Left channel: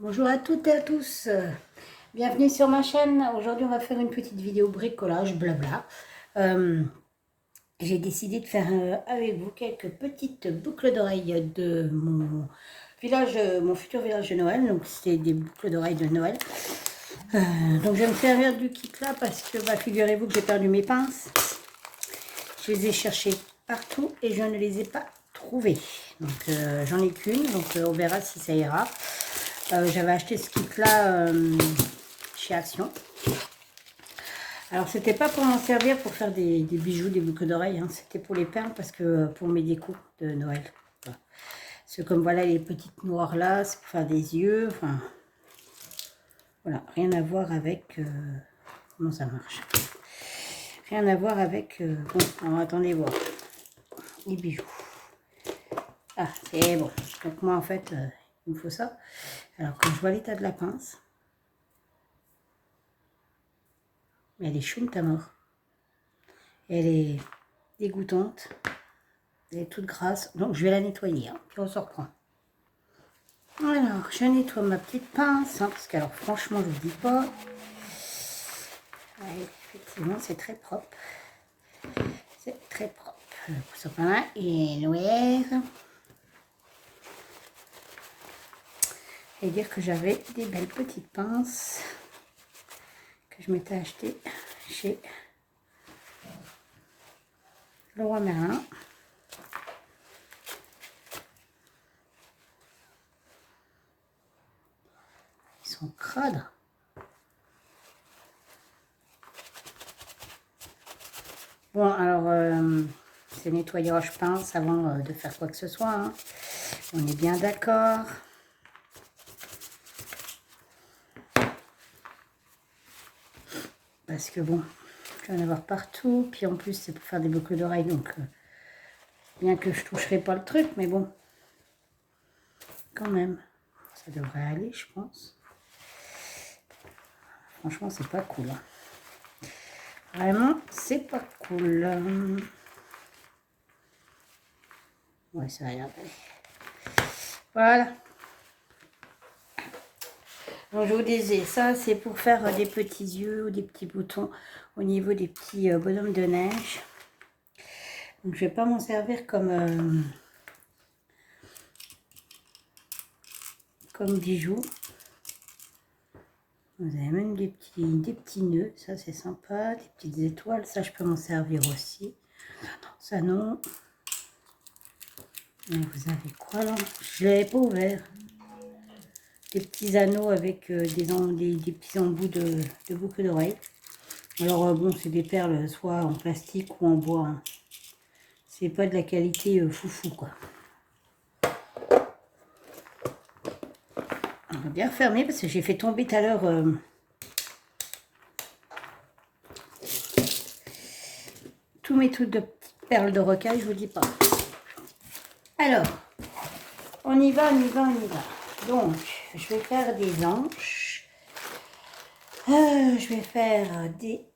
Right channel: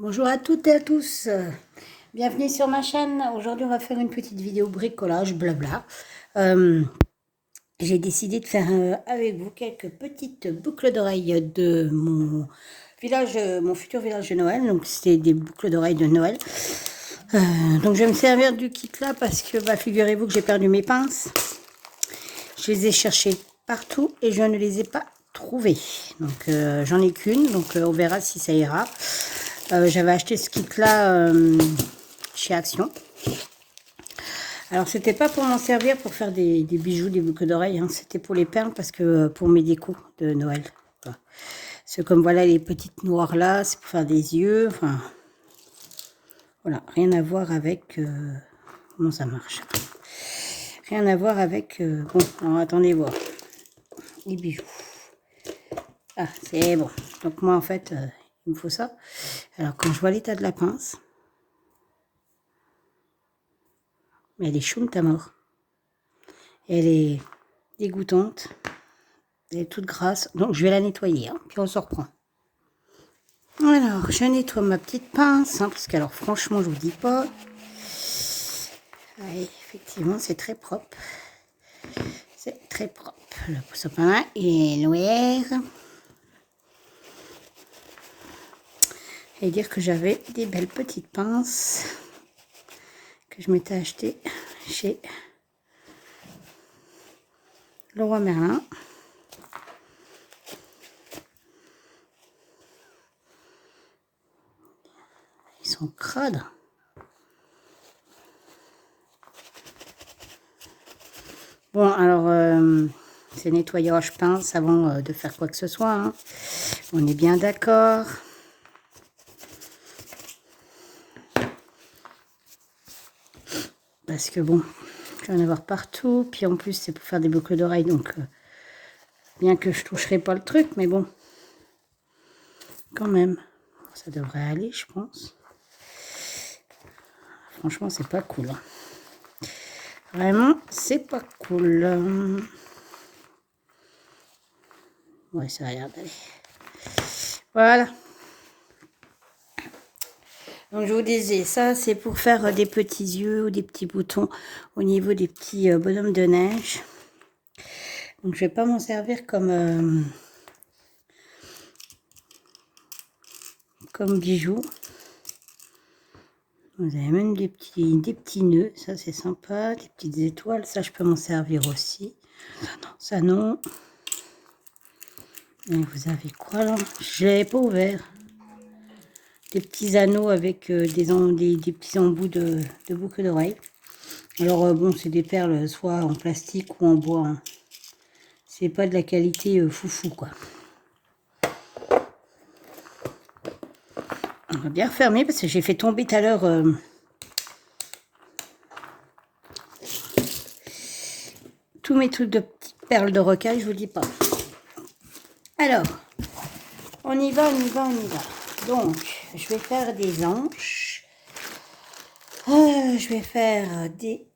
Bonjour à toutes et à tous, bienvenue sur ma chaîne. Aujourd'hui on va faire une petite vidéo bricolage, blabla. J'ai décidé de faire avec vous quelques petites boucles d'oreilles de mon village, mon futur village de Noël. Donc c'est des boucles d'oreilles de Noël. Donc je vais me servir du kit là parce que figurez-vous que j'ai perdu mes pinces. Je les ai cherchées partout et je ne les ai pas trouvées. Donc j'en ai qu'une, donc on verra si ça ira. J'avais acheté ce kit là chez Action. Alors c'était pas pour m'en servir pour faire des bijoux, des boucles d'oreilles, hein. C'était pour les perles parce que pour mes décos de Noël. Voilà. C'est comme voilà les petites noires là, c'est pour faire des yeux. Enfin voilà, rien à voir avec comment ça marche. Rien à voir avec bon, alors, attendez voir les bijoux. Ah c'est bon. Donc moi en fait il me faut ça. Alors quand je vois l'état de la pince, mais elle est choum à mort. Elle est dégoûtante. Elle est toute grasse. Donc je vais la nettoyer. Hein, puis on se reprend. Alors je nettoie ma petite pince. Hein, parce que alors franchement je vous dis pas. Ouais, effectivement c'est très propre. C'est très propre. Le sapin est noir. Et dire que j'avais des belles petites pinces que je m'étais achetées chez Leroy Merlin. Ils sont crades. Bon, alors, c'est nettoyage pince avant de faire quoi que ce soit. Hein. On est bien d'accord. Parce que bon, je vais en avoir partout. Puis en plus, c'est pour faire des boucles d'oreilles. Donc, bien que je ne toucherai pas le truc, mais bon, quand même, ça devrait aller, je pense. Franchement, c'est pas cool. Hein. Vraiment, c'est pas cool. Ouais, ça a l'air d'aller. Voilà. Donc, je vous disais, ça, c'est pour faire des petits yeux ou des petits boutons au niveau des petits bonhommes de neige. Donc, je vais pas m'en servir comme bijoux. Vous avez même des petits nœuds, ça c'est sympa, des petites étoiles, ça je peux m'en servir aussi. Ça non. Et vous avez quoi là? Je l'avais pas ouvert. Des petits anneaux avec des petits embouts de boucles d'oreilles. Alors bon, c'est des perles soit en plastique ou en bois. Hein. C'est pas de la qualité foufou quoi. On va bien fermer parce que j'ai fait tomber tout à l'heure tous mes trucs de petites perles de rocaille, je vous dis pas. Alors, on y va, on y va, on y va. Donc, je vais faire des hanches. Je vais faire des...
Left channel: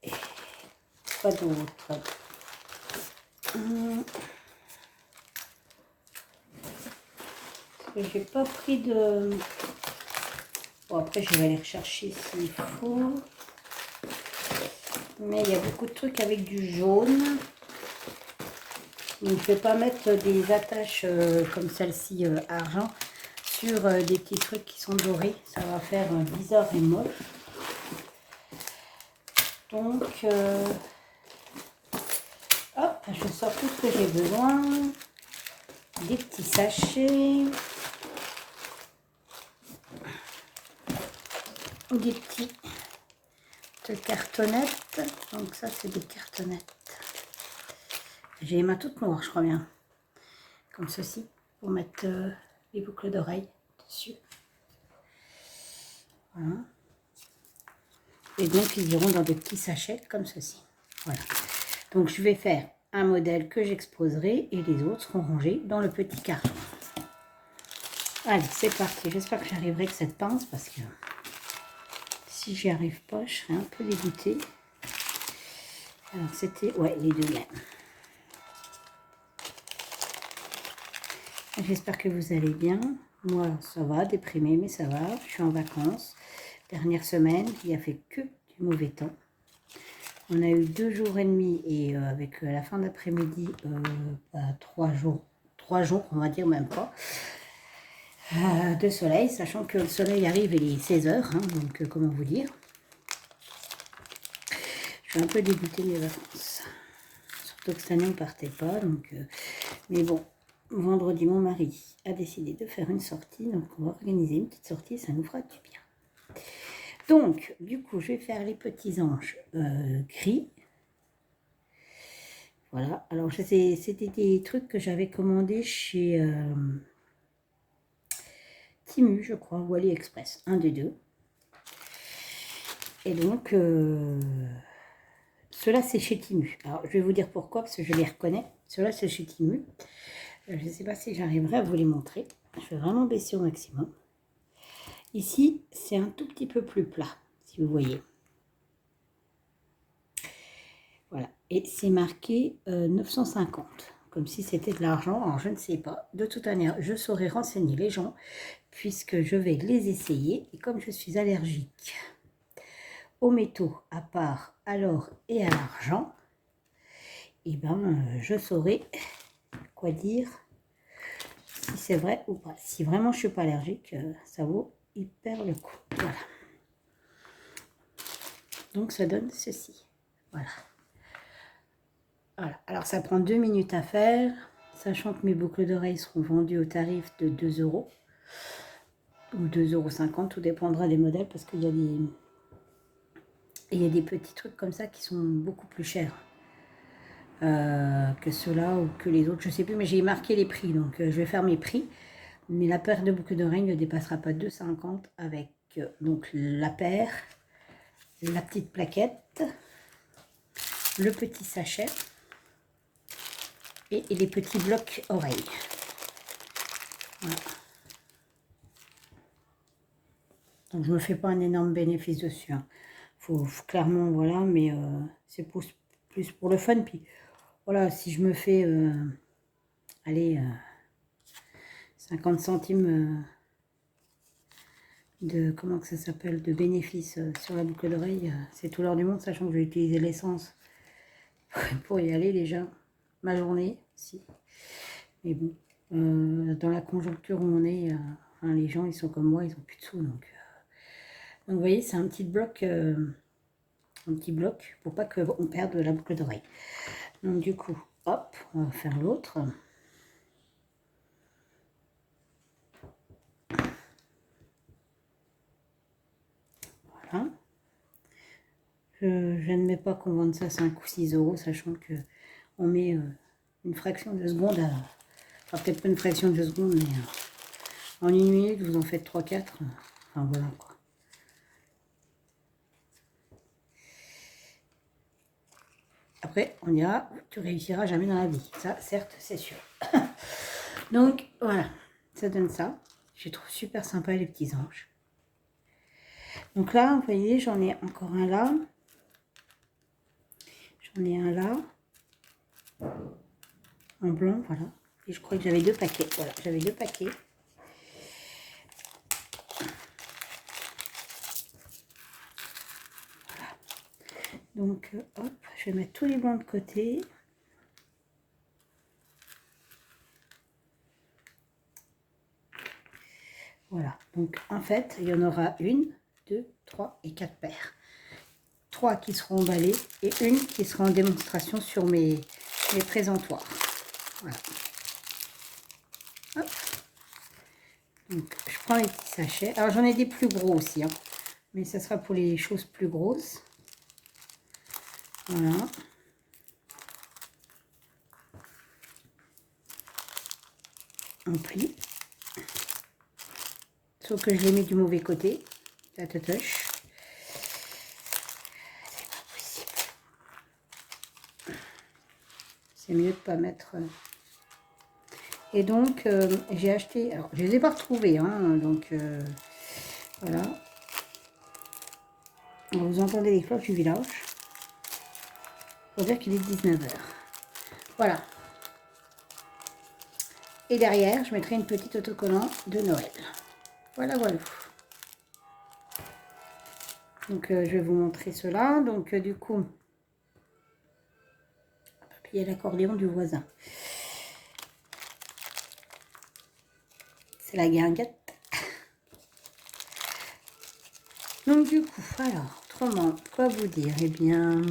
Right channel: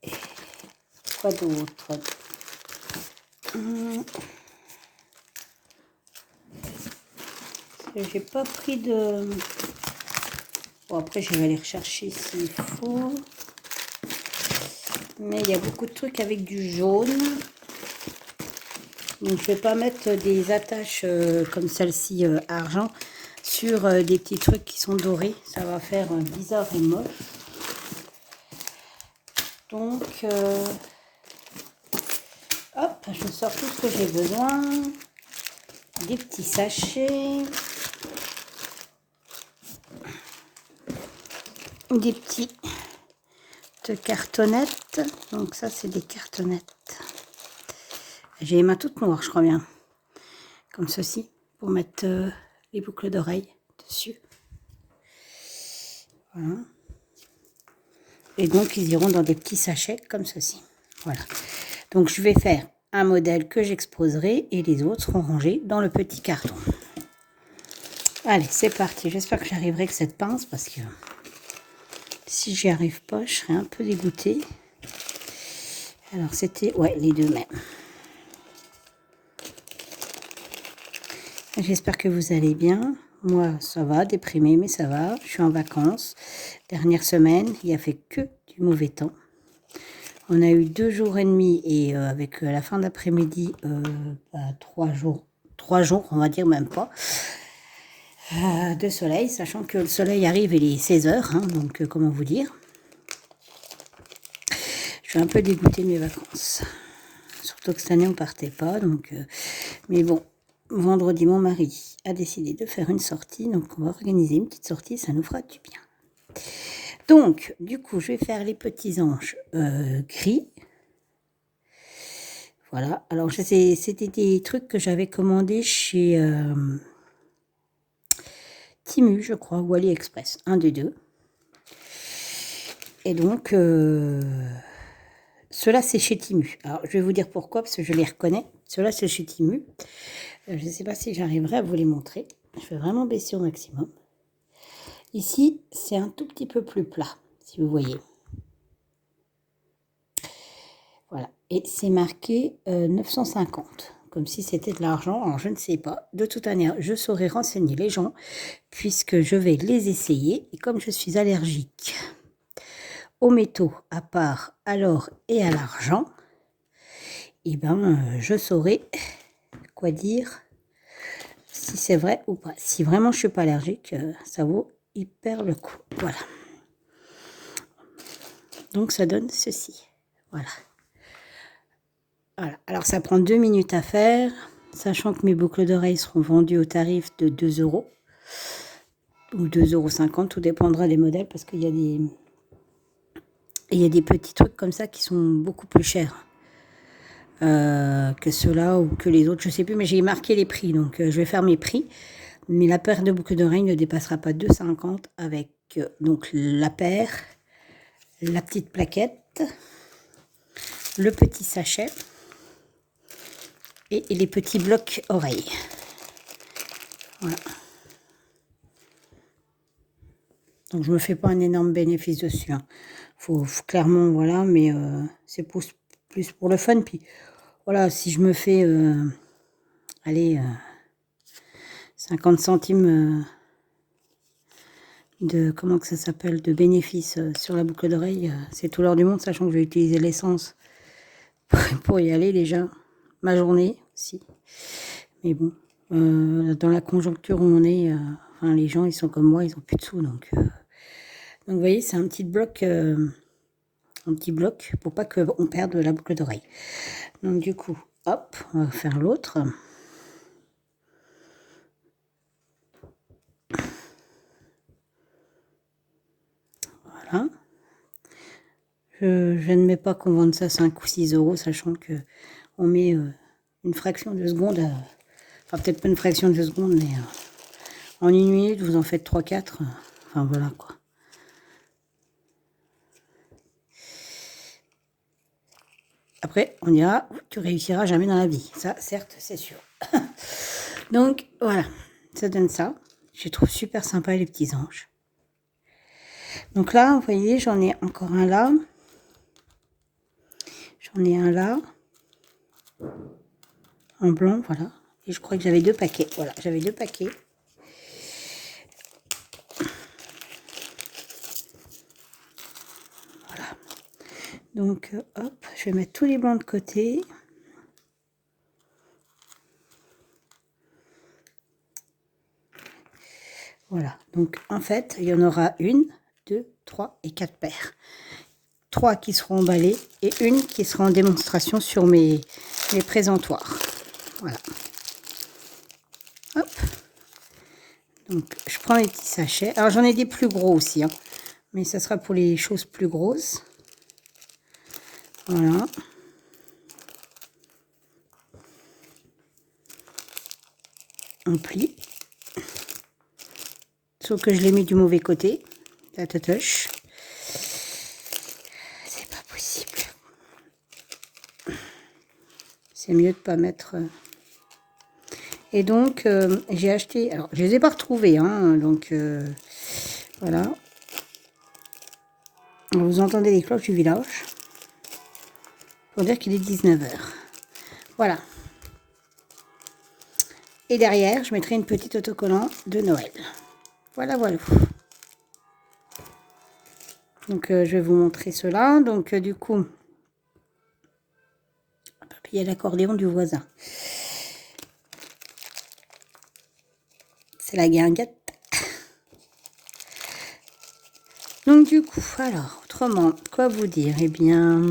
Quoi d'autre? J'ai pas pris de... Bon, après, je vais aller rechercher s'il faut. Mais il y a beaucoup de trucs avec du jaune. Donc, je vais pas mettre des attaches comme celle-ci argent sur des petits trucs qui sont dorés. Ça va faire bizarre et moche. Donc, hop, je sors tout ce que j'ai besoin. Des petits sachets. Des petites cartonnettes. Donc ça, c'est des cartonnettes. J'ai les mains toutes noires, je crois bien. Comme ceci, pour mettre les boucles d'oreilles dessus. Voilà. Et donc, ils iront dans des petits sachets comme ceci. Voilà. Donc, je vais faire un modèle que j'exposerai et les autres seront rangés dans le petit carton. Allez, c'est parti. J'espère que j'arriverai avec cette pince parce que si j'y arrive pas, je serai un peu dégoûtée. Alors, c'était, ouais, les deux mêmes. J'espère que vous allez bien. Moi, ça va, déprimé, mais ça va. Je suis en vacances. Dernière semaine, il n'y a fait que du mauvais temps. On a eu 2 jours et demi et avec la fin d'après-midi, 3 jours, on va dire même pas, de soleil, sachant que le soleil arrive, il est 16 h, hein, donc comment vous dire. Je suis un peu dégoûtée de mes vacances. Surtout que cette année, on partait pas, donc... mais bon, vendredi, mon mari a décidé de faire une sortie, donc on va organiser une petite sortie, ça nous fera du bien. Donc, du coup, je vais faire les petits anges gris. Voilà, alors c'était des trucs que j'avais commandés chez Temu, je crois, ou AliExpress, un des deux. Et donc, ceux-là, c'est chez Temu. Alors, je vais vous dire pourquoi, parce que je les reconnais. Ceux-là, c'est chez Temu. Je ne sais pas si j'arriverai à vous les montrer. Je vais vraiment baisser au maximum. Ici, c'est un tout petit peu plus plat, si vous voyez. Voilà, et c'est marqué 950, comme si c'était de l'argent. Alors, je ne sais pas. De toute manière, je saurai renseigner les gens, puisque je vais les essayer. Et comme je suis allergique aux métaux, à part à l'or et à l'argent, eh ben, je saurai quoi dire, si c'est vrai ou pas. Si vraiment je ne suis pas allergique, ça vaut hyper le coup. Voilà. Donc, ça donne ceci. Voilà. Voilà. Alors, ça prend 2 minutes à faire, sachant que mes boucles d'oreilles seront vendues au tarif de 2 € ou 2,50 €, tout dépendra des modèles, parce qu'il y a des petits trucs comme ça qui sont beaucoup plus chers que ceux-là ou que les autres, je ne sais plus, mais j'ai marqué les prix, donc je vais faire mes prix. Mais la paire de boucles d'oreilles ne dépassera pas 2,50 € avec donc la paire, la petite plaquette, le petit sachet et les petits blocs oreilles. Voilà. Donc, je ne me fais pas un énorme bénéfice dessus. Hein. Faut clairement, voilà, mais c'est plus pour le fun. Puis, voilà, si je me fais, allez, 50 centimes de, comment que ça s'appelle, de bénéfice sur la boucle d'oreille, c'est tout l'or du monde, sachant que je vais utiliser l'essence pour y aller déjà. Ma journée aussi. Mais bon, dans la conjoncture où on est, enfin, les gens, ils sont comme moi, ils n'ont plus de sous, donc vous voyez, c'est un petit bloc pour pas qu'on perde la boucle d'oreille. Donc du coup, hop, on va faire l'autre. Voilà. Je ne mets pas qu'on vende ça 5 ou 6 €, sachant que on met une fraction de seconde, enfin peut-être pas une fraction de seconde, mais en 1 minute, vous en faites 3-4. Enfin voilà quoi. Après, on dira, tu réussiras jamais dans la vie. Ça, certes, c'est sûr. Donc, voilà, ça donne ça. Je trouve super sympa les petits anges. Donc là, vous voyez, j'en ai encore un là. J'en ai un là. En blanc, voilà. Et je crois que j'avais 2 paquets. Voilà, j'avais 2 paquets. Voilà. Donc, hop, je vais mettre tous les blancs de côté. Voilà, donc en fait, il y en aura 1, 2, 3 et 4 paires. 3 qui seront emballées et une qui sera en démonstration sur mes présentoirs. Voilà. Hop. Donc, je prends les petits sachets. Alors, j'en ai des plus gros aussi, hein, mais ça sera pour les choses plus grosses. Voilà. On plie. Sauf que je l'ai mis du mauvais côté. La tatoche. C'est pas possible. C'est mieux de pas mettre... Et donc, j'ai acheté... Alors, je les ai pas retrouvés, hein, donc... voilà. Vous entendez les cloches du village. Pour dire qu'il est 19 h. Voilà. Et derrière, je mettrai une petite autocollant de Noël. Voilà, voilà. Donc, je vais vous montrer cela. Donc, du coup, il y a l'accordéon du voisin. C'est la guinguette. Donc, du coup, alors, autrement, quoi vous dire? Eh bien,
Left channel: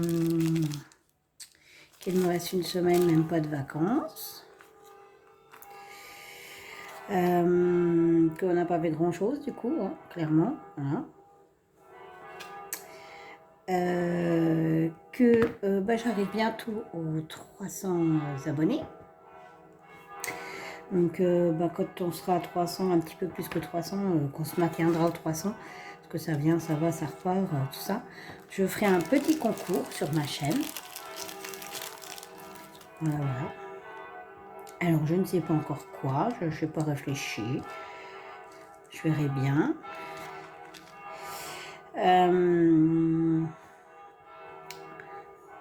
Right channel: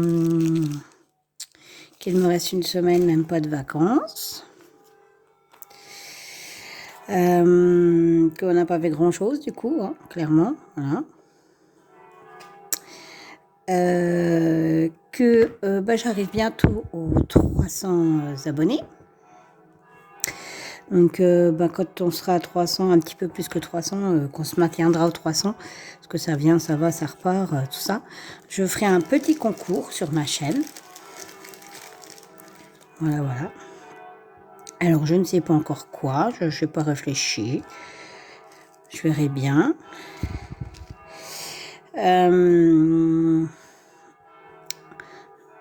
qu'il me reste une semaine, même pas de vacances. Qu'on n'a pas fait grand chose, du coup, hein, clairement. Voilà. J'arrive bientôt aux 300 abonnés. Donc, quand on sera à 300, un petit peu plus que 300, qu'on se maintiendra aux 300, parce que ça vient, ça va, ça repart, tout ça, je ferai un petit concours sur ma chaîne. Voilà, voilà. Alors, je ne sais pas encore quoi, je n'ai pas réfléchi. Je verrai bien.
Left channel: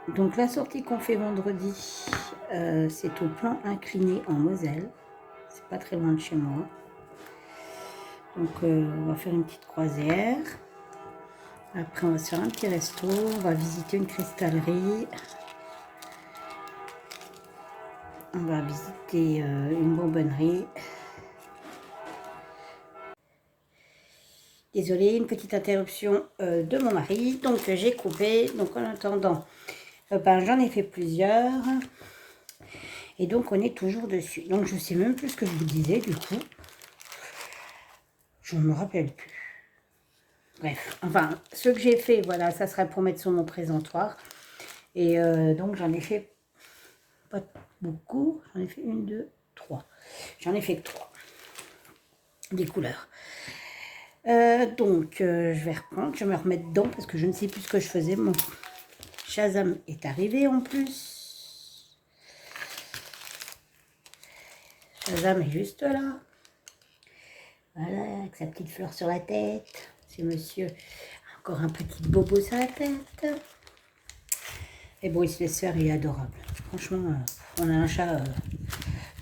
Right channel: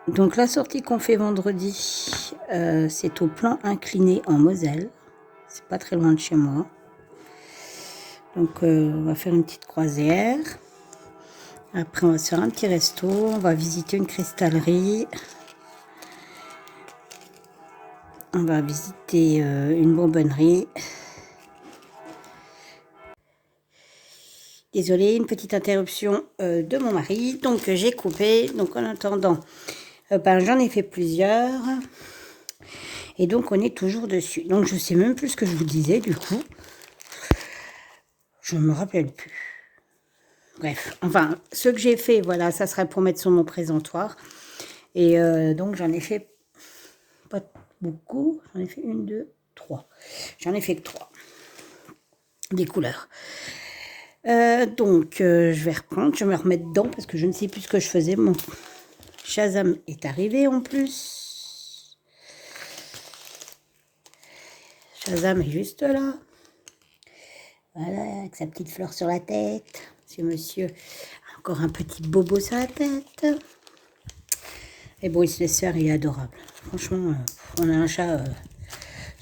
Donc, la sortie qu'on fait vendredi, c'est au plan incliné en Moselle. C'est pas très loin de chez moi. Donc, on va faire une petite croisière. Après, on va se faire un petit resto. On va visiter une cristallerie. On va visiter une bonbonnerie. Désolée, une petite interruption de mon mari. Donc, j'ai coupé. Donc, en attendant, j'en ai fait plusieurs. Et donc, on est toujours dessus. Donc, je sais même plus ce que je vous disais, du coup. Je ne me rappelle plus. Bref, enfin, ce que j'ai fait, voilà, ça serait pour mettre sur mon présentoir. Et donc, j'en ai fait pas beaucoup. J'en ai fait 1, 2, 3. J'en ai fait que 3. Des couleurs. Je vais reprendre, je vais me remettre dedans parce que je ne sais plus ce que je faisais. Mon Shazam est arrivé en plus. Shazam est juste là. Voilà, avec sa petite fleur sur la tête. C'est monsieur, encore un petit bobo sur la tête. Et bon, il se laisse faire, il est adorable. Franchement, on a un chat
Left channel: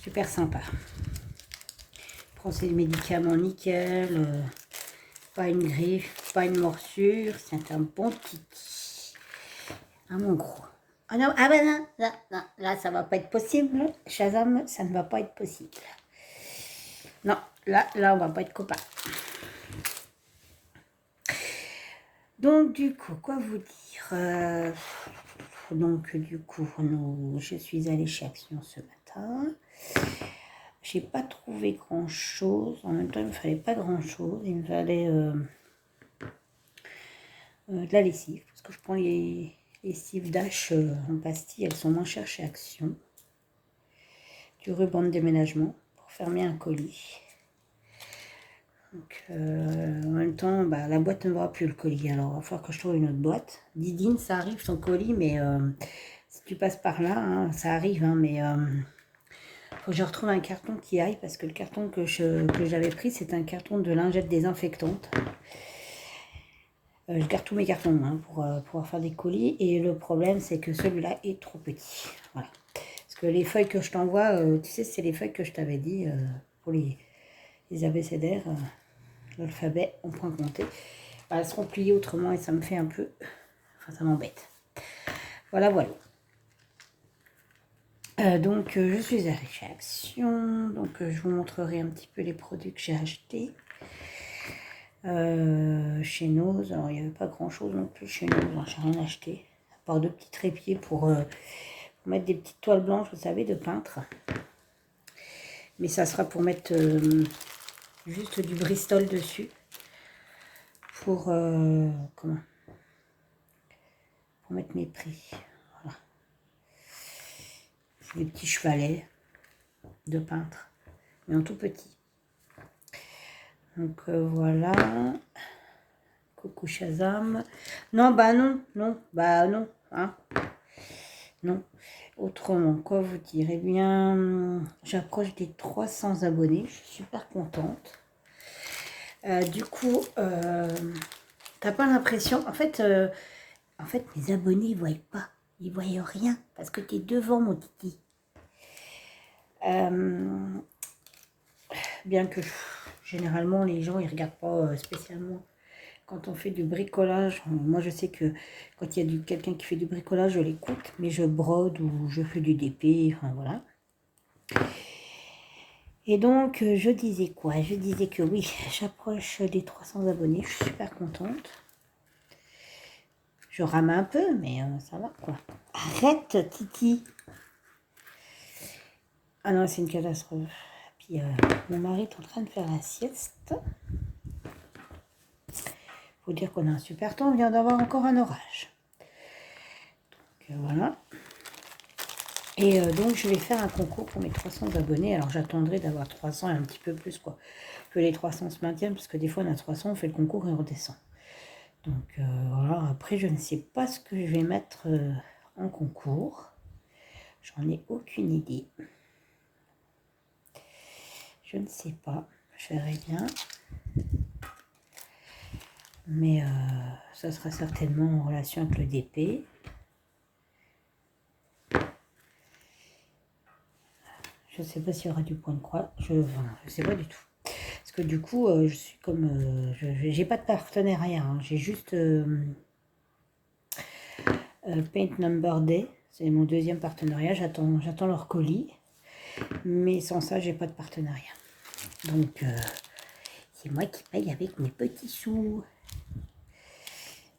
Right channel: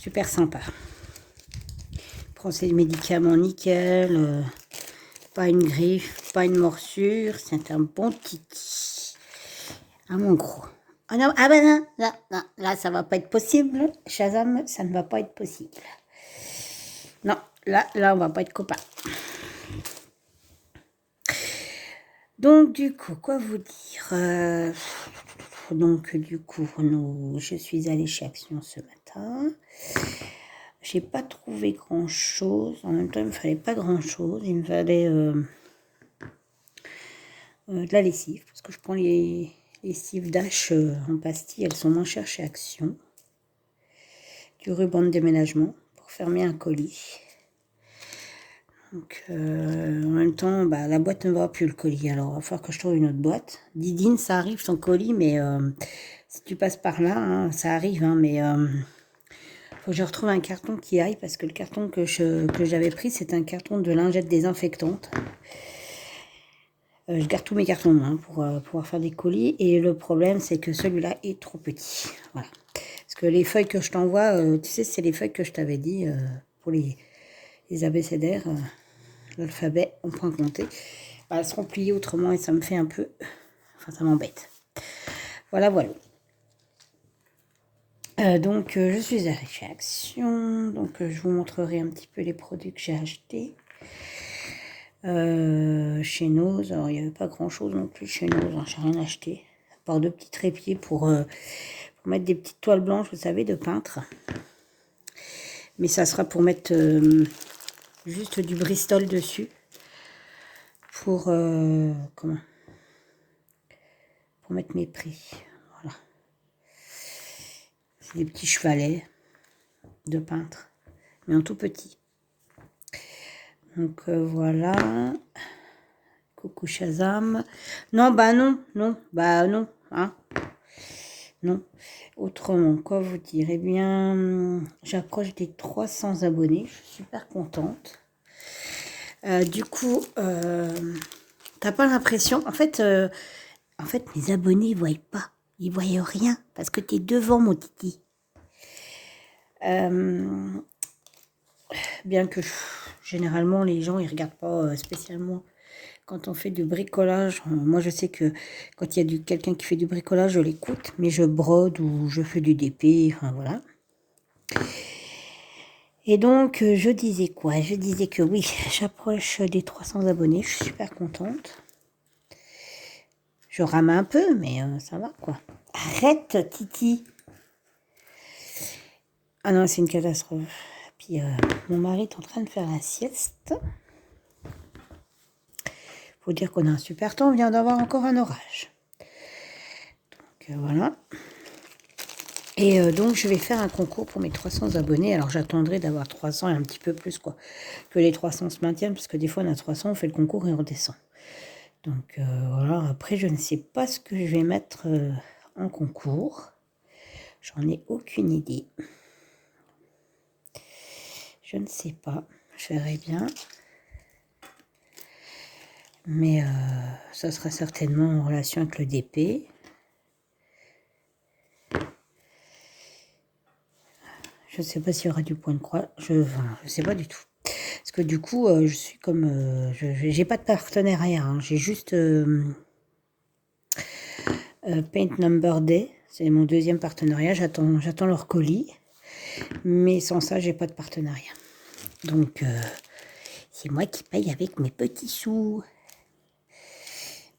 super sympa. Il prend ses médicaments nickel. Pas une griffe, pas une morsure. C'est un bon kiki. Ah mon gros. Ah non, ah ben non, non, non, là ça va pas être possible. Shazam, ça ne va pas être possible. Non, là on va pas être copains. Donc du coup, quoi vous dire donc du coup, je suis allée chez Action ce matin. J'ai pas trouvé grand chose. En même temps, il me fallait pas grand chose. Il me fallait de la lessive, parce que je prends les lessives d'Ash en pastille, elles sont moins chères chez Action. Du ruban de déménagement pour fermer un colis. Donc, en même temps, la boîte ne va plus, le colis. Alors, il va falloir que je trouve une autre boîte. Didine, ça arrive ton colis, mais si tu passes par là, hein, ça arrive, hein, mais faut que je retrouve un carton qui aille, parce que le carton que j'avais pris, c'est un carton de lingettes désinfectantes. Je garde tous mes cartons pour pouvoir faire des colis. Et le problème, c'est que celui-là est trop petit. Voilà. Parce que les feuilles que je t'envoie, tu sais, c'est les feuilles que je t'avais dit pour les abécédaires, l'alphabet en point compté. Elles seront pliées autrement et ça me fait un peu... Enfin, ça m'embête. Voilà, voilà. Je suis allée chez Action. Donc, je vous montrerai un petit peu les produits que j'ai achetés. Chez Nose, alors il n'y avait pas grand chose non plus chez Nose, hein, j'ai rien acheté, à part 2 petits trépieds pour mettre des petites toiles blanches, vous savez, de peintre. Mais ça sera pour mettre juste du Bristol dessus, pour pour mettre mes prix. Voilà. C'est des petits chevalets de peintre, mais en tout petit. Donc voilà. Coucou Shazam. Non, non, hein. Non. Autrement, quoi vous dire? Eh bien, j'approche des 300 abonnés. Je suis super contente. Du coup, t'as pas l'impression... En fait, mes abonnés, ils voient pas. Ils voient rien. Parce que tu es devant, mon titi. bien que généralement les gens ils regardent pas spécialement quand on fait du bricolage. Moi je sais que quand il y a quelqu'un qui fait du bricolage, je l'écoute, mais je brode ou je fais du DP, enfin voilà. Et donc je disais quoi? Je disais que oui, j'approche des 300 abonnés, je suis super contente. Je rame un peu, mais ça va quoi. Arrête Titi! Ah non, c'est une catastrophe. Puis mon mari est en train de faire la sieste. Faut dire qu'on a un super temps, on vient d'avoir encore un orage. Donc voilà. Et donc je vais faire un concours pour mes 300 abonnés. Alors j'attendrai d'avoir 300 et un petit peu plus quoi. Que les 300 se maintiennent, parce que des fois on a 300, on fait le concours et on redescend. Donc voilà, après je ne sais pas ce que je vais mettre en concours. J'en ai aucune idée. Je ne sais pas, je verrai bien. Mais ça sera certainement en relation avec le DP. Je ne sais pas s'il y aura du point de croix. Je ne sais pas du tout. Parce que du coup, je suis comme... j'ai pas de partenariat. Hein. J'ai juste Paint Number Day. C'est mon deuxième partenariat. J'attends leur colis. Mais sans ça, j'ai pas de partenariat. Donc, c'est moi qui paye avec mes petits sous.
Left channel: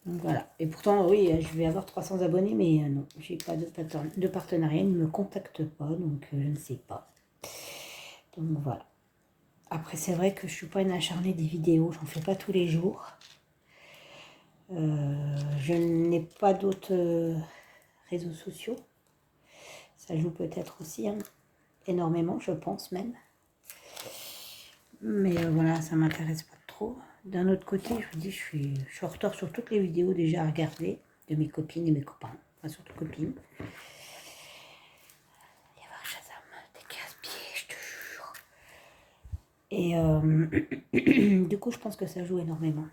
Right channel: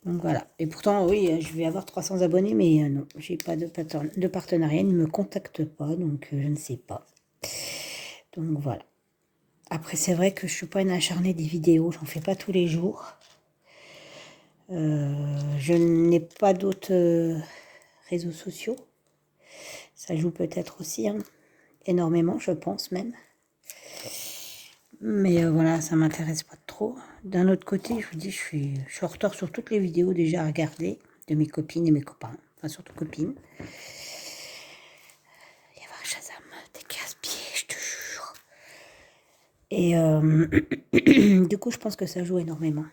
Donc voilà. Et pourtant, oui, je vais avoir 300 abonnés, mais non, j'ai pas de partenariat. Ils ne me contactent pas, donc je ne sais pas. Donc voilà. Après, c'est vrai que je suis pas une acharnée des vidéos. J'en fais pas tous les jours. Je n'ai pas d'autres réseaux sociaux. Ça joue peut-être aussi, hein. Énormément, je pense même. Mais voilà, ça m'intéresse pas trop. D'un autre côté, je vous dis, je suis en retard sur toutes les vidéos déjà à regarder de mes copines et mes copains. Enfin, surtout copines. Il y avoir Shazam, t'es casse-pieds, je te jure. Et du coup, je pense que ça joue énormément.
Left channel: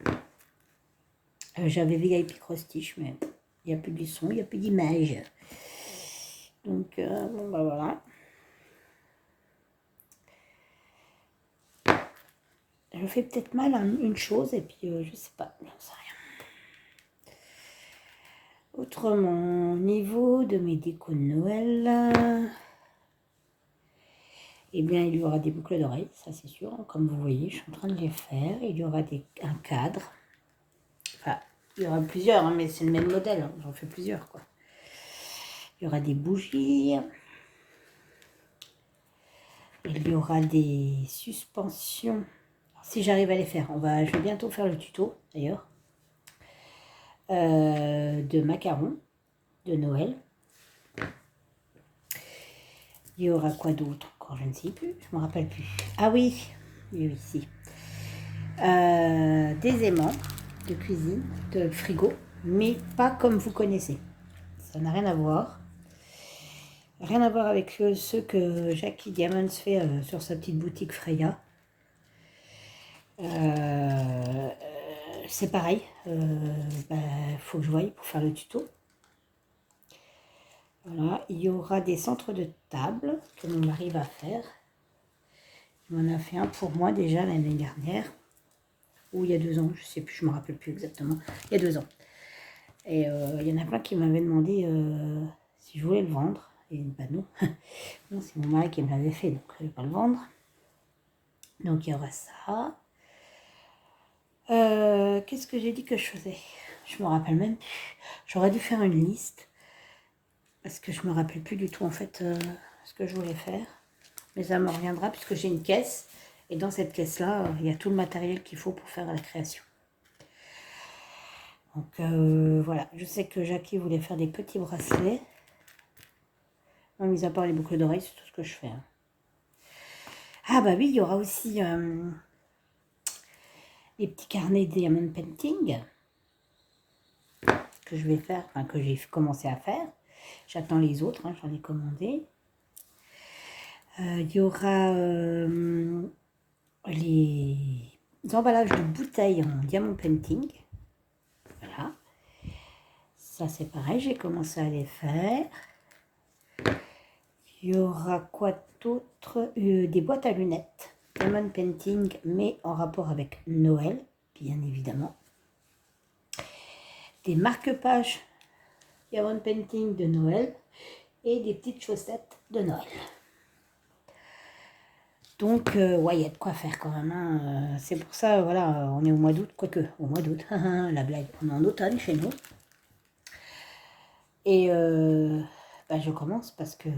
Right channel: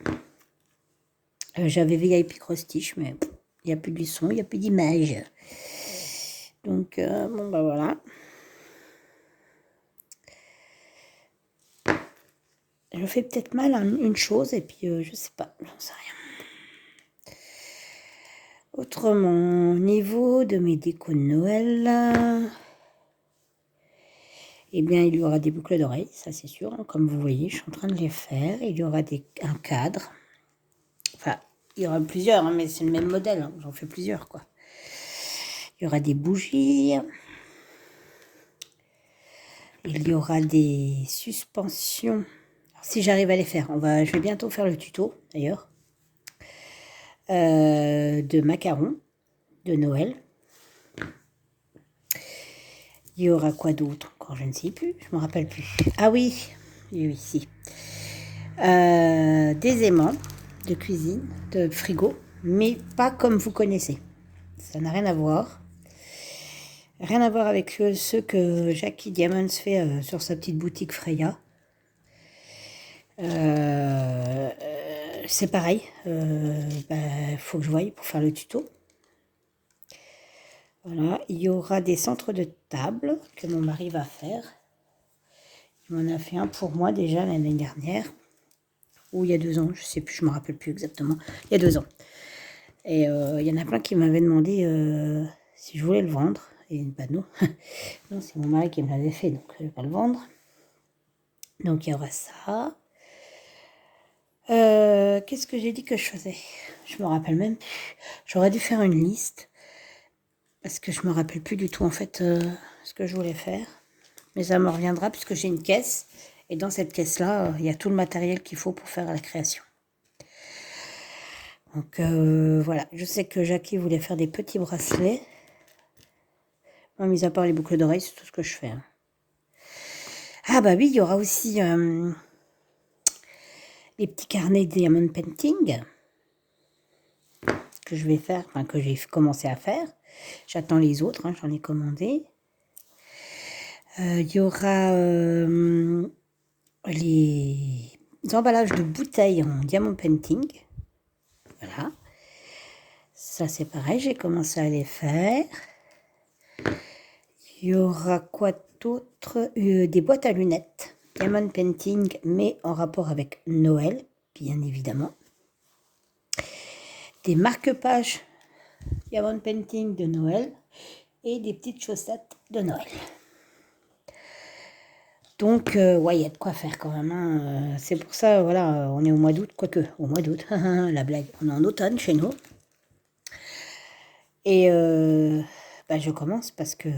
J'avais VIP Cross-Stitch, mais il n'y a plus de son, il n'y a plus d'image. Donc, bon, bah voilà. Je fais peut-être mal à une chose, et puis je sais pas, j'en sais rien. Autrement, au niveau de mes décos de Noël, eh bien, il y aura des boucles d'oreilles, ça c'est sûr. Comme vous voyez, je suis en train de les faire. Il y aura un cadre. Enfin, il y aura plusieurs, hein, mais c'est le même modèle. Hein. J'en fais plusieurs, quoi. Il y aura des bougies. Il y aura des suspensions. Alors, si j'arrive à les faire, je vais bientôt faire le tuto, d'ailleurs. De macarons de Noël. Il y aura quoi d'autre? Encore, je ne sais plus, je ne me rappelle plus. Ah oui, ici. Des aimants de cuisine, de frigo, mais pas comme vous connaissez. Ça n'a rien à voir. Rien à voir avec ceux que Jackie Diamonds fait sur sa petite boutique Freya. C'est pareil. Faut que je voie pour faire le tuto. Voilà, il y aura des centres de table que mon mari va faire. Il m'en a fait un pour moi déjà l'année dernière. Ou il y a 2 ans, je sais plus, je me rappelle plus exactement. Il y a 2 ans. Et il y en a plein qui m'avaient demandé si je voulais le vendre. Et bah non, non c'est mon mari qui me l'avait fait, donc je ne vais pas le vendre. Donc il y aura ça. Qu'est-ce que j'ai dit que je faisais? Je me rappelle même plus. J'aurais dû faire une liste. Parce que je me rappelle plus du tout en fait ce que je voulais faire. Mais ça me reviendra puisque j'ai une caisse. Et dans cette caisse-là, il y a tout le matériel qu'il faut pour faire la création. Donc voilà, je sais que Jackie voulait faire des petits bracelets. Moi, mis à part les boucles d'oreilles, c'est tout ce que je fais. Hein. Ah bah oui, il y aura aussi les petits carnets Diamond Painting que je vais faire, enfin que j'ai commencé à faire. J'attends les autres, hein, j'en ai commandé. Il y aura les emballages de bouteilles en Diamond Painting. Voilà. Ça, c'est pareil, j'ai commencé à les faire. Il y aura quoi d'autre? Des boîtes à lunettes. Diamond Painting, mais en rapport avec Noël, bien évidemment. Des marque-pages Diamond Painting de Noël et des petites chaussettes de Noël. Donc, ouais, il y a de quoi faire quand même. Hein. C'est pour ça, voilà, on est au mois d'août, quoique, au mois d'août, la blague. On est en automne chez nous. Et bah, je commence parce que bah,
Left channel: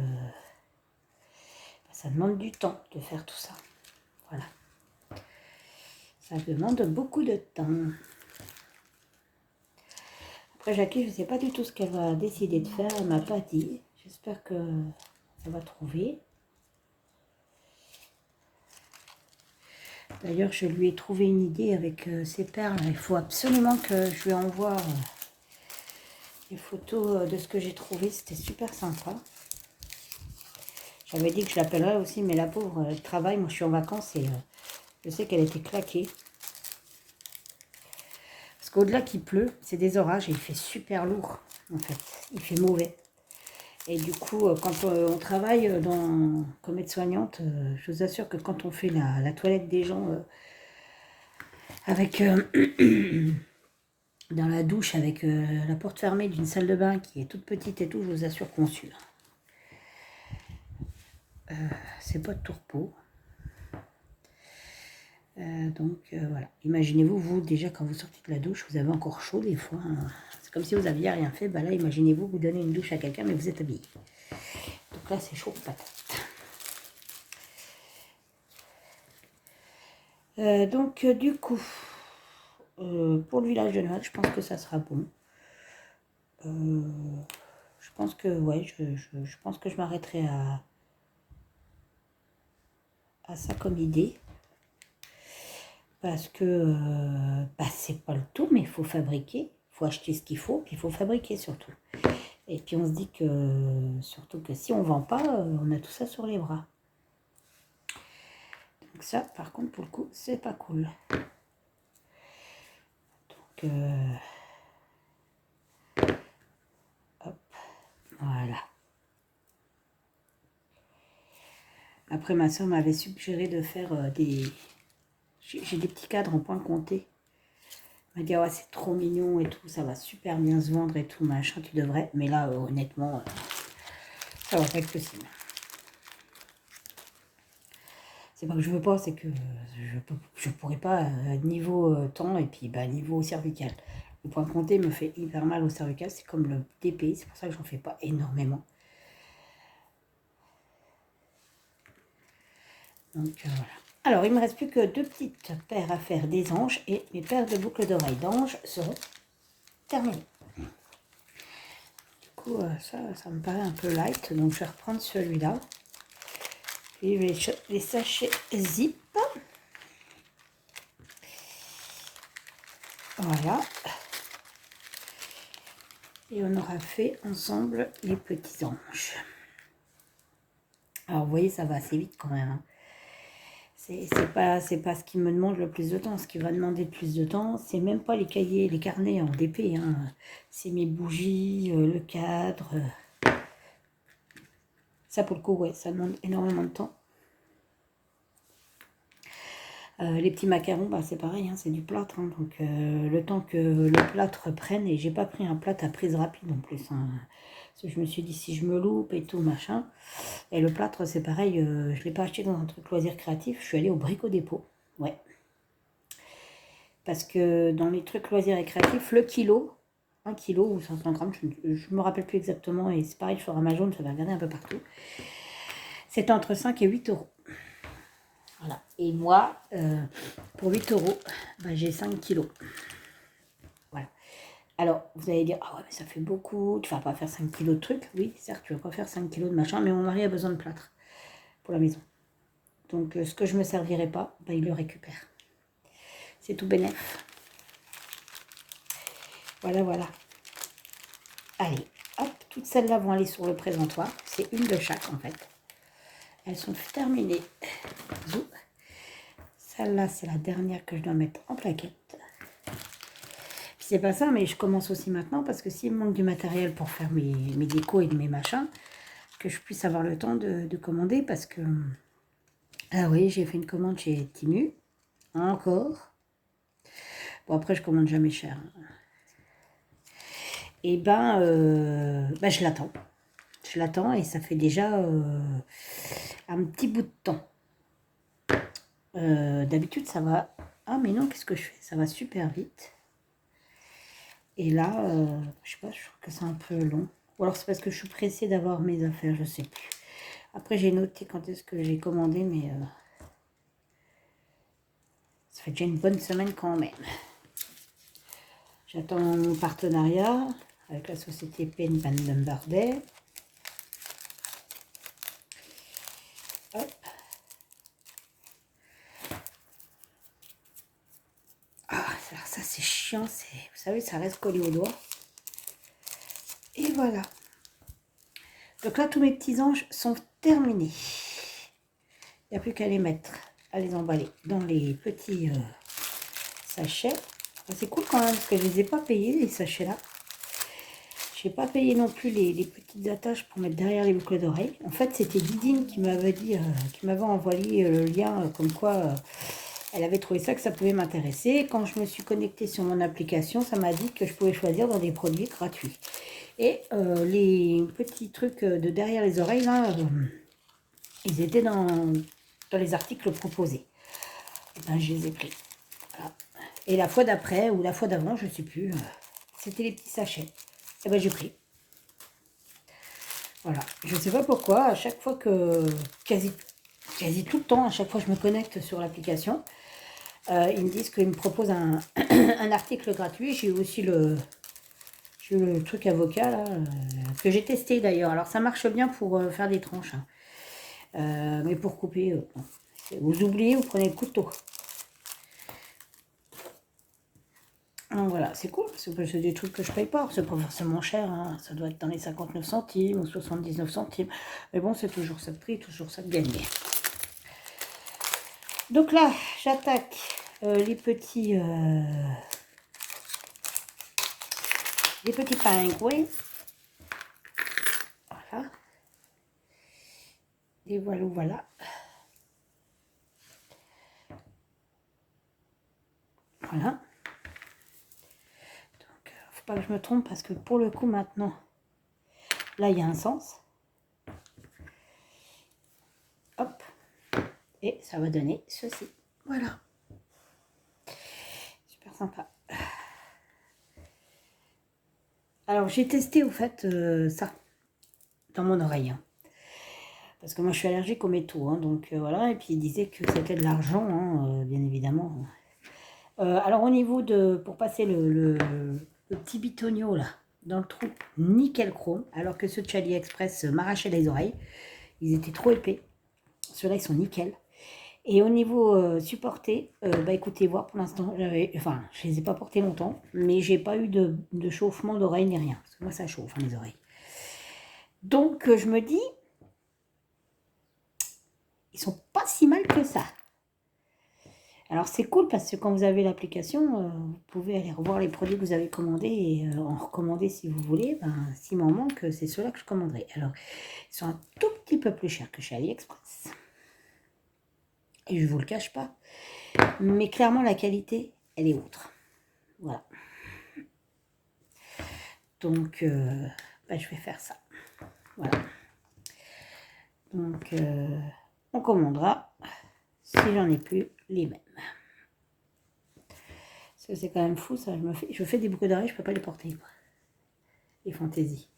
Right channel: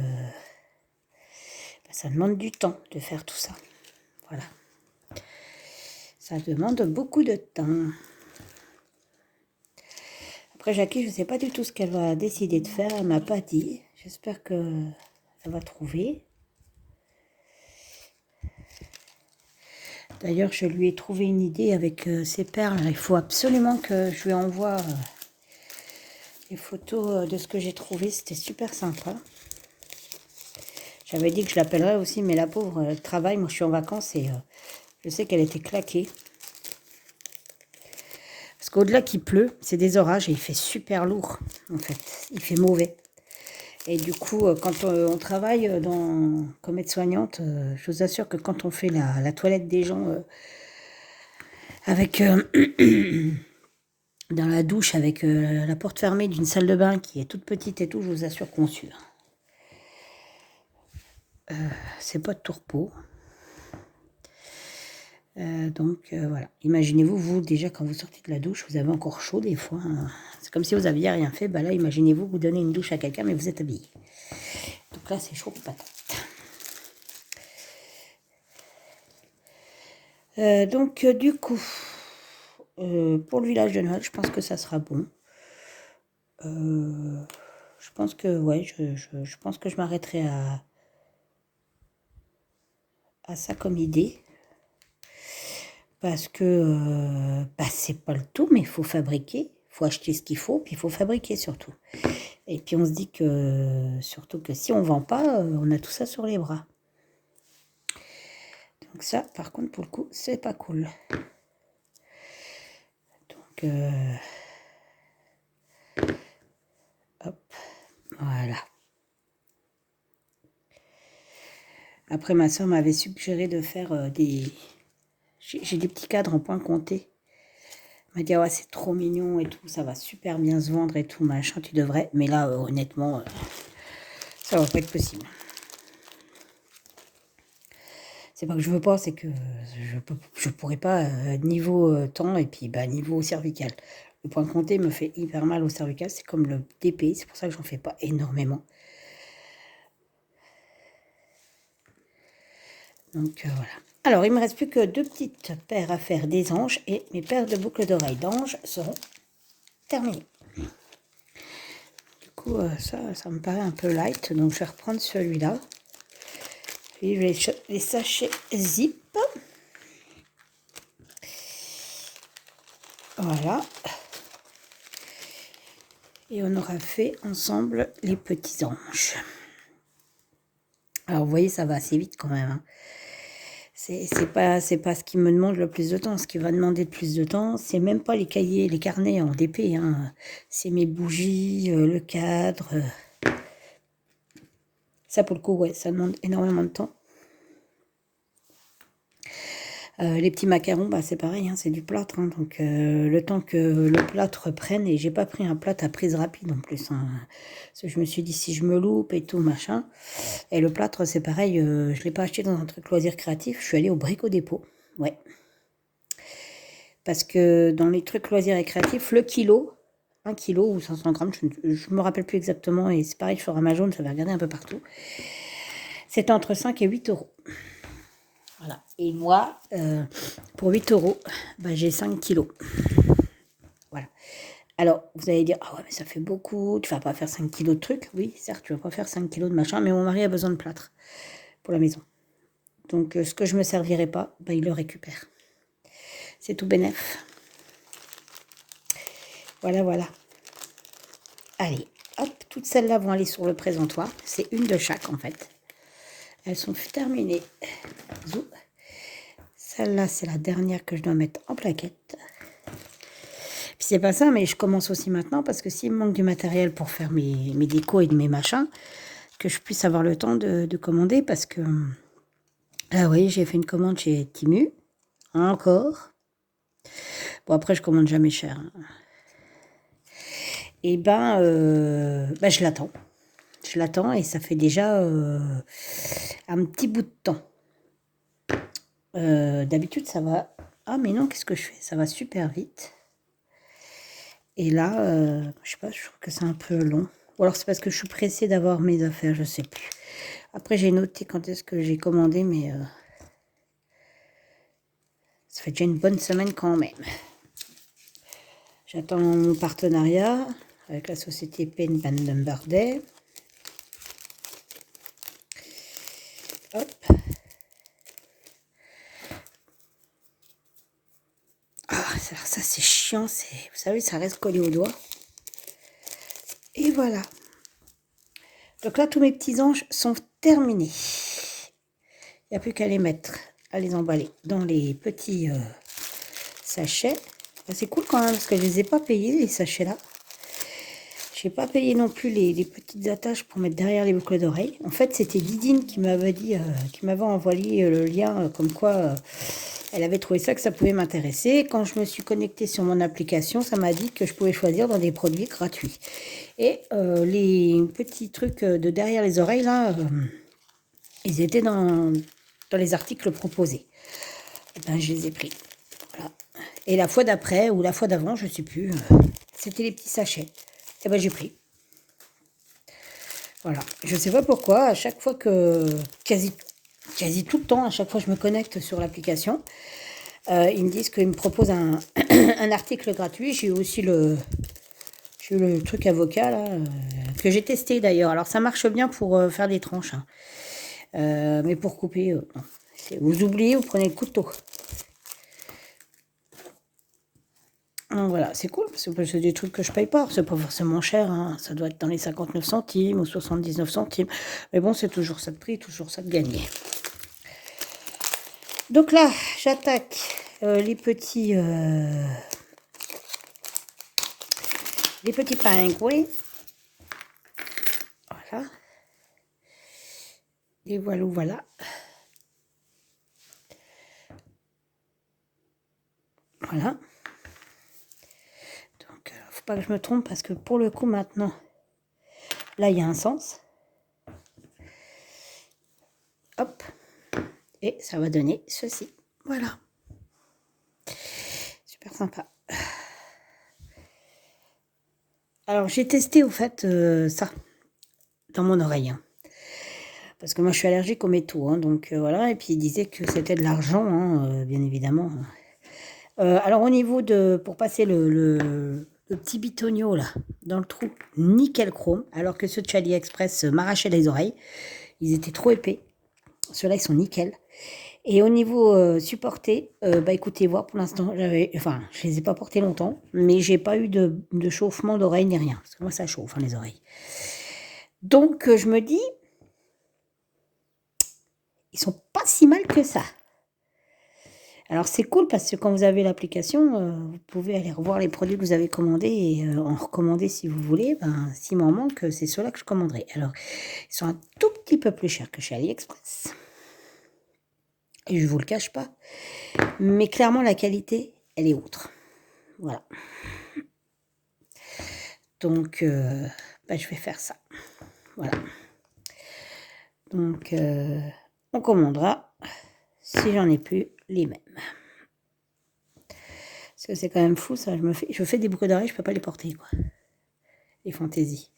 ça demande du temps de faire tout ça. Voilà. Ça demande beaucoup de temps. Après, Jackie, je ne sais pas du tout ce qu'elle va décider de faire. Elle ne m'a pas dit. J'espère qu'elle va trouver. D'ailleurs, je lui ai trouvé une idée avec ces perles. Il faut absolument que je lui envoie les photos de ce que j'ai trouvé. C'était super sympa. J'avais dit que je l'appellerais aussi, mais la pauvre travaille. Moi, je suis en vacances et je sais qu'elle était claquée. Parce qu'au-delà qu'il pleut, c'est des orages et il fait super lourd, en fait. Il fait mauvais. Et du coup, quand on travaille comme aide-soignante, je vous assure que quand on fait la toilette des gens avec dans la douche avec la porte fermée d'une salle de bain qui est toute petite et tout, je vous assure qu'on sue. C'est pas de tourpeau. Donc voilà, imaginez-vous, vous déjà quand vous sortez de la douche, vous avez encore chaud des fois. Hein. C'est comme si vous aviez rien fait. Bah là, imaginez-vous, vous donnez une douche à quelqu'un, mais vous êtes habillé. Donc là, c'est chaud patate. Donc du coup, pour le village de Noël, je pense que ça sera bon. Je pense que ouais, je pense que je m'arrêterai à ça comme idée. Parce que bah, c'est pas le tout, mais il faut fabriquer, il faut acheter ce qu'il faut, puis il faut fabriquer surtout. Et puis on se dit que, surtout que si on ne vend pas, on a tout ça sur les bras. Donc ça, par contre, pour le coup, c'est pas cool. Donc, hop, voilà. Après, ma soeur m'avait suggéré de faire des... J'ai des petits cadres en point compté. Elle m'a dit, ouais, c'est trop mignon et tout, ça va super bien se vendre et tout, machin, tu devrais. Mais là, honnêtement, ça va pas être possible. C'est pas que je veux pas, c'est que je pourrais pas niveau temps et puis bah, niveau cervical. Le point compté me fait hyper mal au cervical, c'est comme le DP, c'est pour ça que j'en fais pas énormément. Donc voilà. Alors, il me reste plus que 2 petites paires à faire des anges et mes paires de boucles d'oreilles d'anges seront terminées. Du coup, ça me paraît un peu light, donc je vais reprendre celui-là. Puis les sachets zip. Voilà. Et on aura fait ensemble les petits anges. Alors, vous voyez, ça va assez vite quand même. Hein. C'est pas ce qui me demande le plus de temps. Ce qui va demander le plus de temps, c'est même pas les cahiers, les carnets en DP. Hein. C'est mes bougies, le cadre. Ça, pour le coup, ouais, ça demande énormément de temps. Les petits macarons, bah, c'est pareil, hein, c'est du plâtre. Hein, donc, le temps que le plâtre prenne, et j'ai pas pris un plâtre à prise rapide en plus. Hein, parce que je me suis dit, si je me loupe et tout, machin. Et le plâtre, c'est pareil, je l'ai pas acheté dans un truc loisir créatif. Je suis allée au Brico Dépôt. Ouais. Parce que dans les trucs loisirs et créatifs, le kilo, 1 kilo ou 500 grammes, je me rappelle plus exactement. Et c'est pareil sur Amazon, ça va regarder un peu partout. C'est entre 5 et 8 euros. Voilà. Et moi, pour 8 euros, bah, j'ai 5 kilos. Voilà. Alors, vous allez dire, ah ouais, mais ça fait beaucoup, tu vas pas faire 5 kilos de trucs. Oui, certes, tu vas pas faire 5 kilos de machin, mais mon mari a besoin de plâtre pour la maison. Donc, ce que je me servirai pas, bah, il le récupère. C'est tout bénef. Voilà, voilà. Allez, hop, toutes celles-là vont aller sur le présentoir. C'est une de chaque, en fait. Elles sont terminées. Celle-là, c'est la dernière que je dois mettre en plaquette. Puis c'est pas ça, mais je commence aussi maintenant parce que s'il me manque du matériel pour faire mes décos et mes machins, que je puisse avoir le temps de commander parce que Ah oui, j'ai fait une commande chez Temu. Encore. Bon, après, je commande jamais cher, hein. Et ben, je l'attends. Je l'attends et ça fait déjà un petit bout de temps. D'habitude, ça va. Ah, mais non, qu'est-ce que je fais? Ça va super vite. Et là, je sais pas, je trouve que c'est un peu long. Ou alors c'est parce que je suis pressée d'avoir mes affaires, je sais plus. Après, j'ai noté quand est-ce que j'ai commandé, mais ça fait déjà une bonne semaine quand même. J'attends mon partenariat avec la société Pen Bandenbardet. Hop. Ah, ça c'est chiant, vous savez, ça reste collé au doigt. Et voilà. Donc là, tous mes petits anges sont terminés. Il n'y a plus qu'à les mettre, à les emballer dans les petits sachets. C'est cool quand même, parce que je ne les ai pas payés, les sachets là. Je n'ai pas payé non plus les petites attaches pour mettre derrière les boucles d'oreilles. En fait, c'était Didine qui m'avait dit, qui m'avait envoyé le lien, comme quoi elle avait trouvé ça, que ça pouvait m'intéresser. Quand je me suis connectée sur mon application, ça m'a dit que je pouvais choisir dans des produits gratuits. Et les petits trucs de derrière les oreilles, là, ils étaient dans les articles proposés. Et ben, je les ai pris. Voilà. Et la fois d'après, ou la fois d'avant, je ne sais plus, c'était les petits sachets. Et ben, j'ai pris. Voilà. Je ne sais pas pourquoi, à chaque fois que... Quasi tout le temps, à chaque fois que je me connecte sur l'application, ils me disent qu'ils me proposent un, un article gratuit. J'ai aussi le truc avocat, là, que j'ai testé d'ailleurs. Alors, ça marche bien pour faire des tranches. Hein. Mais pour couper, vous oubliez, vous prenez le couteau. Donc voilà, c'est cool, parce que c'est des trucs que je paye pas. C'est pas forcément cher, hein. Ça doit être dans les 59 centimes ou 79 centimes. Mais bon, c'est toujours ça de prix, toujours ça de gagner. Donc là, j'attaque les petits pingouins. Voilà. Et voilà. Voilà. Donc, faut pas que je me trompe parce que pour le coup, maintenant, là, il y a un sens. Hop. Et ça va donner ceci. Voilà. Super sympa. Alors, j'ai testé, au fait, ça, dans mon oreille. Hein. Parce que moi, je suis allergique aux métaux. Hein, donc, voilà. Et puis, il disait que c'était de l'argent, hein, bien évidemment. Alors, au niveau de... Pour passer le petit bitonio, là, dans le trou, nickel chrome. Alors que ceux de chez AliExpress m'arrachaient les oreilles. Ils étaient trop épais. Ceux-là, ils sont nickel. Et au niveau supporté, bah écoutez, voir pour l'instant, je les ai pas portés longtemps, mais j'ai pas eu de chauffement d'oreille ni rien. Parce que moi, ça chauffe, hein, les oreilles. Donc, je me dis, ils sont pas si mal que ça. Alors, c'est cool parce que quand vous avez l'application, vous pouvez aller revoir les produits que vous avez commandés et en recommander si vous voulez. Ben, s'il m'en manque, c'est ceux-là que je commanderai. Alors, ils sont un tout petit peu plus chers que chez AliExpress. Et je vous le cache pas. Mais clairement, la qualité, elle est autre. Voilà. Donc, bah, je vais faire ça. Voilà. Donc, on commandera, si j'en ai plus, les mêmes. Parce que c'est quand même fou, ça. Je fais des boucles d'oreilles, je peux pas les porter, quoi. Les fantaisies.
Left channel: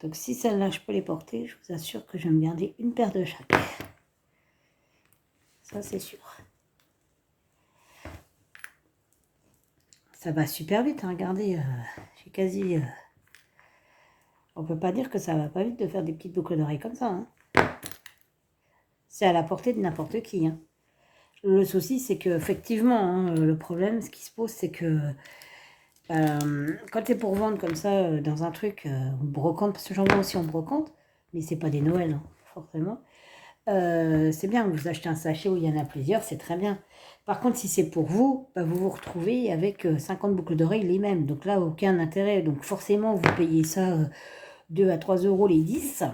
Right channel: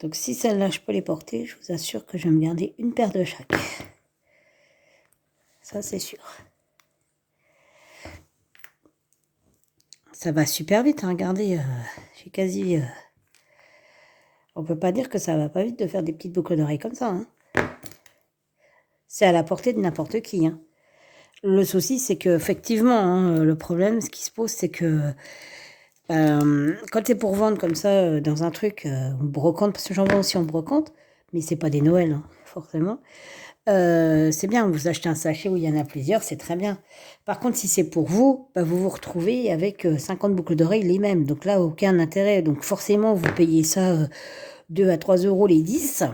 Donc, si celles-là, je peux les porter, je vous assure que je vais me garder une paire de chaque. Ça, c'est sûr. Ça va super vite, hein. Regardez, j'ai quasi... on peut pas dire que ça va pas vite de faire des petites boucles d'oreilles comme ça, hein. C'est à la portée de n'importe qui, hein. Le souci, c'est qu'effectivement, hein, le problème, ce qui se pose, c'est que quand c'est pour vendre comme ça, dans un truc en brocante, parce que j'en vois aussi en brocante, mais c'est pas des Noëls, hein, forcément, c'est bien, vous achetez un sachet où il y en a plusieurs, c'est très bien. Par contre, si c'est pour vous, bah, vous vous retrouvez avec 50 boucles d'oreilles les mêmes. Donc là, aucun intérêt. Donc forcément, vous payez ça 2 à 3 euros les 10,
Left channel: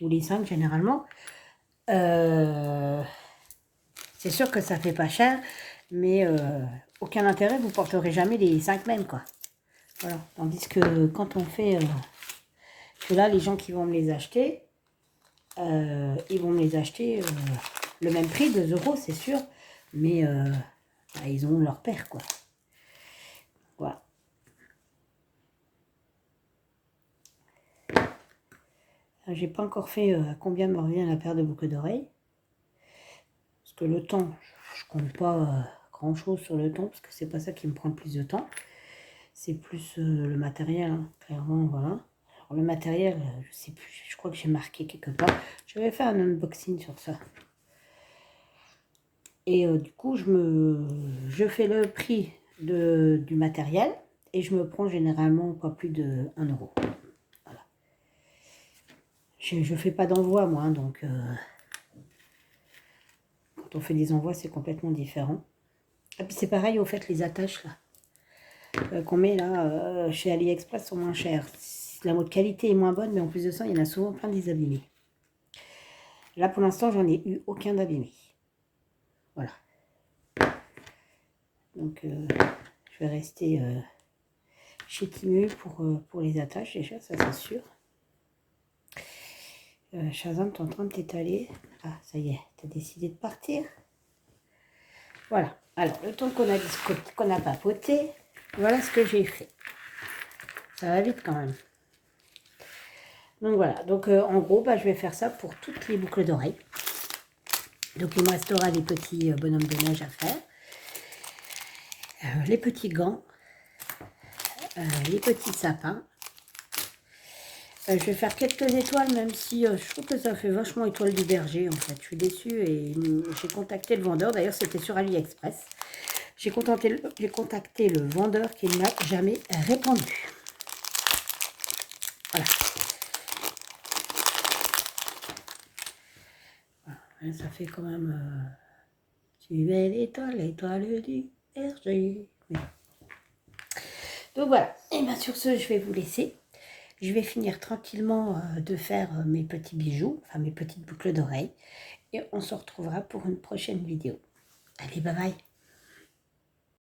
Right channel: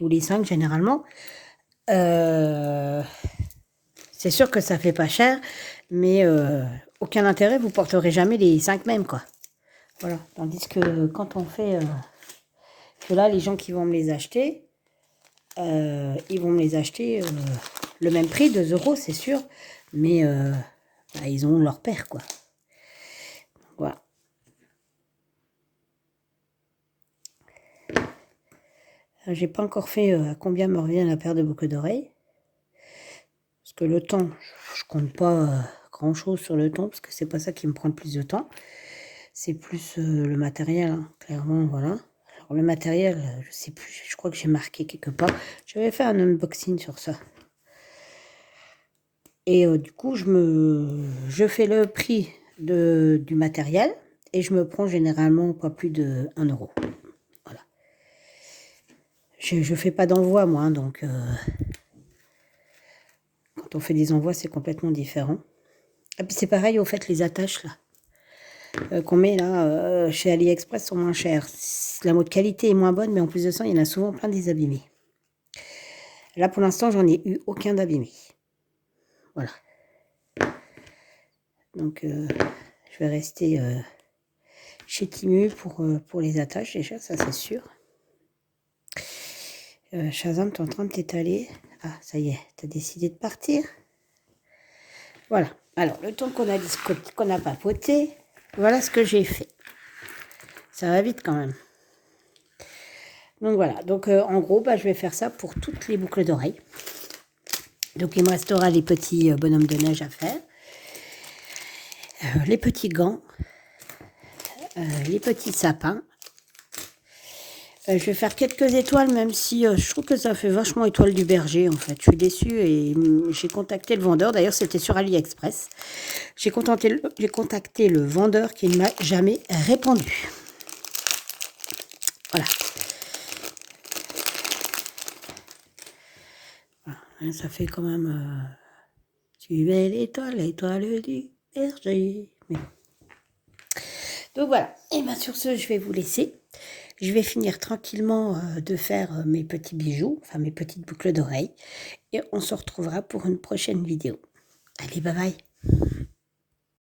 ou les 5 généralement. C'est sûr que ça fait pas cher, mais aucun intérêt, vous porterez jamais les 5 mêmes, quoi. Voilà. Tandis que quand on fait... que là, les gens qui vont me les acheter, ils vont me les acheter le même prix, 2 euros, c'est sûr, mais bah, ils ont leur paire, quoi. Voilà. J'ai pas encore fait à combien me revient la paire de boucles d'oreilles. Parce que le temps, je compte pas grand chose sur le temps, parce que c'est pas ça qui me prend le plus de temps. C'est plus le matériel, hein, clairement, voilà. Alors le matériel, je sais plus, je crois que j'ai marqué quelque part. J'avais fait un unboxing sur ça. Et du coup, je fais le prix du matériel et je me prends généralement pas plus de 1 euro. Voilà. Je fais pas d'envoi, moi, hein, donc quand on fait des envois, c'est complètement différent. Et puis c'est pareil, au fait, les attaches, là, qu'on met là chez AliExpress sont moins chères. La mode qualité est moins bonne, mais en plus de ça, il y en a souvent plein des abîmés. Là, pour l'instant, j'en ai eu aucun d'abîmé. Voilà. Donc, je vais rester chez Temu pour les attaches, déjà, ça c'est sûr. Shazam, t'es en train de t'étaler. Ah, ça y est, t'as décidé de partir. Voilà. Alors, le temps qu'on a papoté, voilà ce que j'ai fait. Ça va vite quand même. Donc voilà. Donc, en gros, bah, je vais faire ça pour toutes les boucles d'oreilles. Donc, il me restera les petits bonhommes de neige à faire. Les petits gants. Les petits sapins. Je vais faire quelques étoiles, même si je trouve que ça fait vachement étoile du berger, en fait. Je suis déçue et j'ai contacté le vendeur. D'ailleurs, c'était sur AliExpress. J'ai contacté le vendeur qui ne m'a jamais répondu. Voilà. Voilà. Ça fait quand même... suivez l'étoile du berger. Mais... Donc voilà. Et bien sur ce, je vais vous laisser. Je vais finir tranquillement de faire mes petits bijoux, enfin mes petites boucles d'oreilles. Et on se retrouvera pour une prochaine vidéo. Allez, bye bye.